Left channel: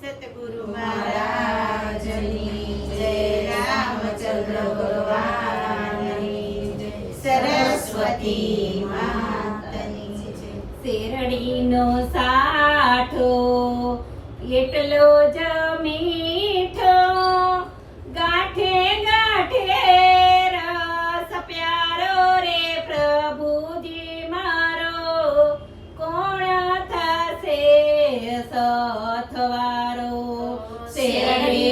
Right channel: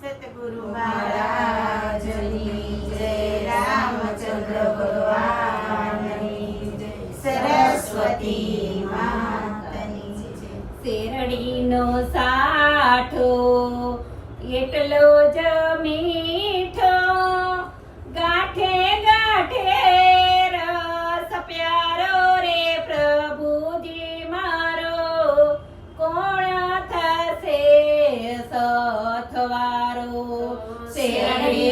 સતગુરુ મહારાજની જય રામચંદ્ર ભગવાનની જય. સરસ્વતી માતાની જય. શેરડીનો સાઠો એટલો જ મીઠો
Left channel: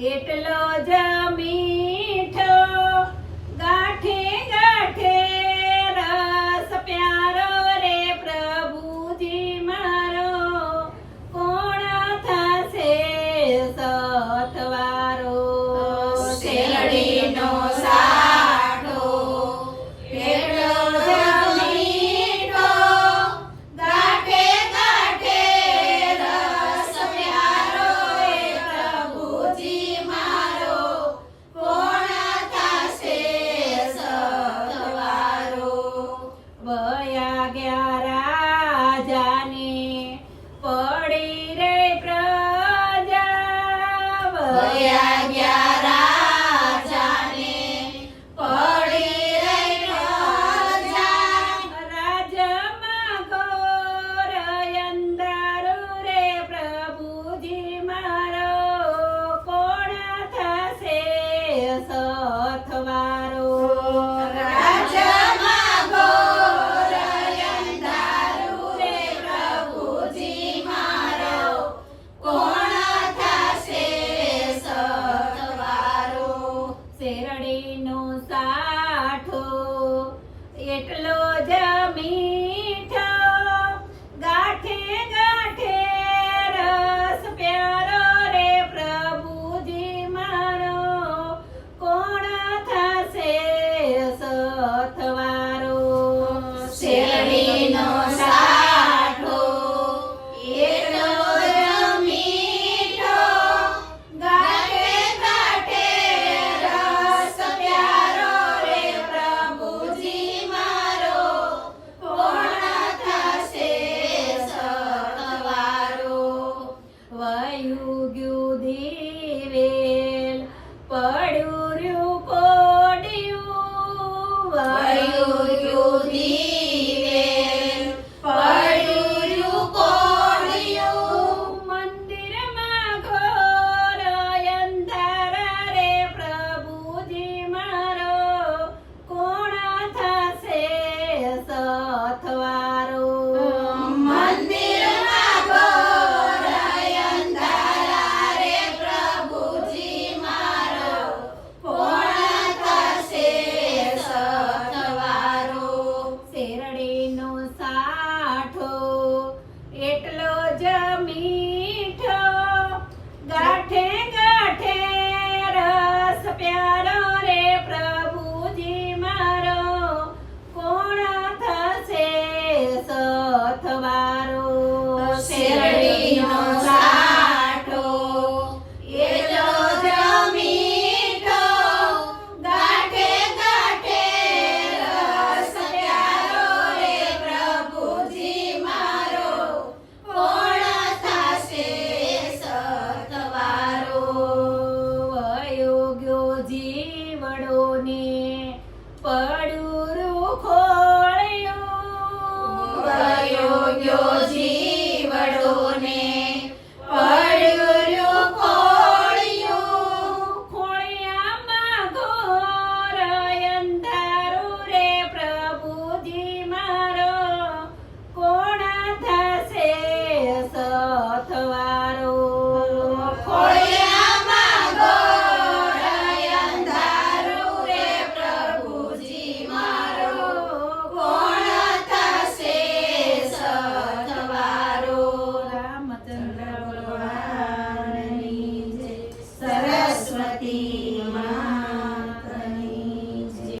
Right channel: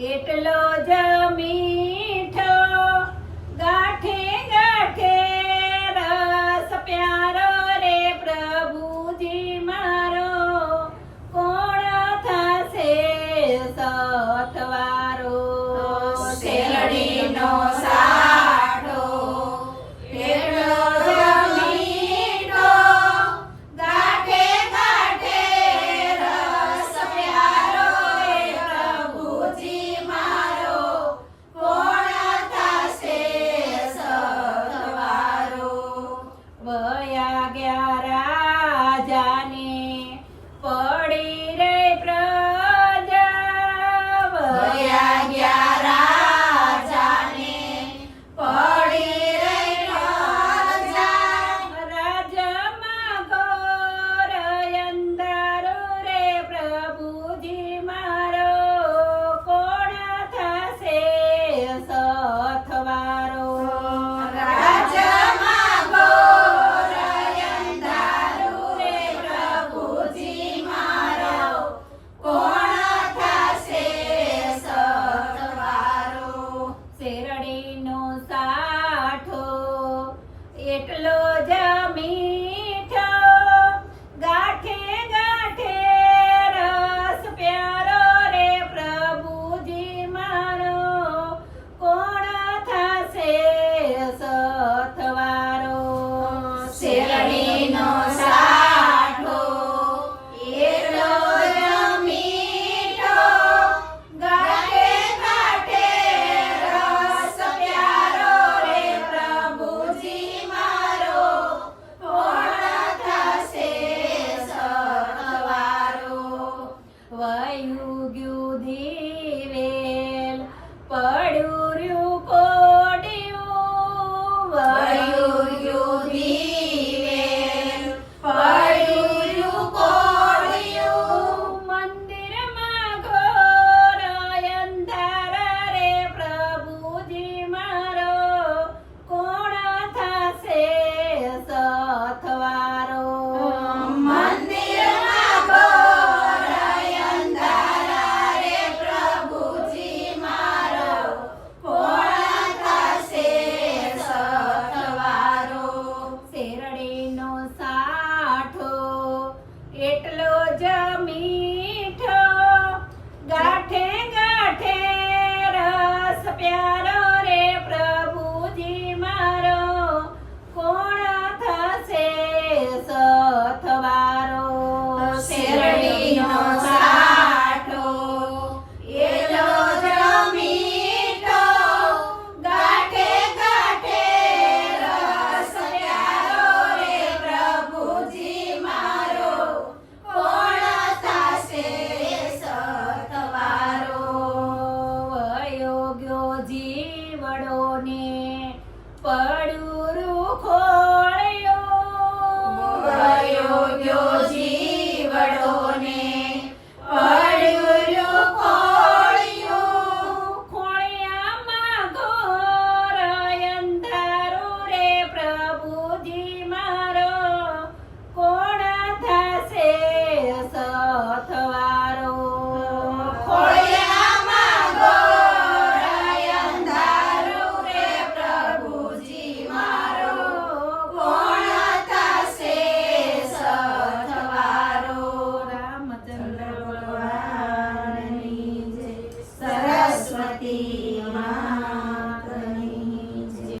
એટલો જ થયું ગયું ધીવેલ પડ્યું জামি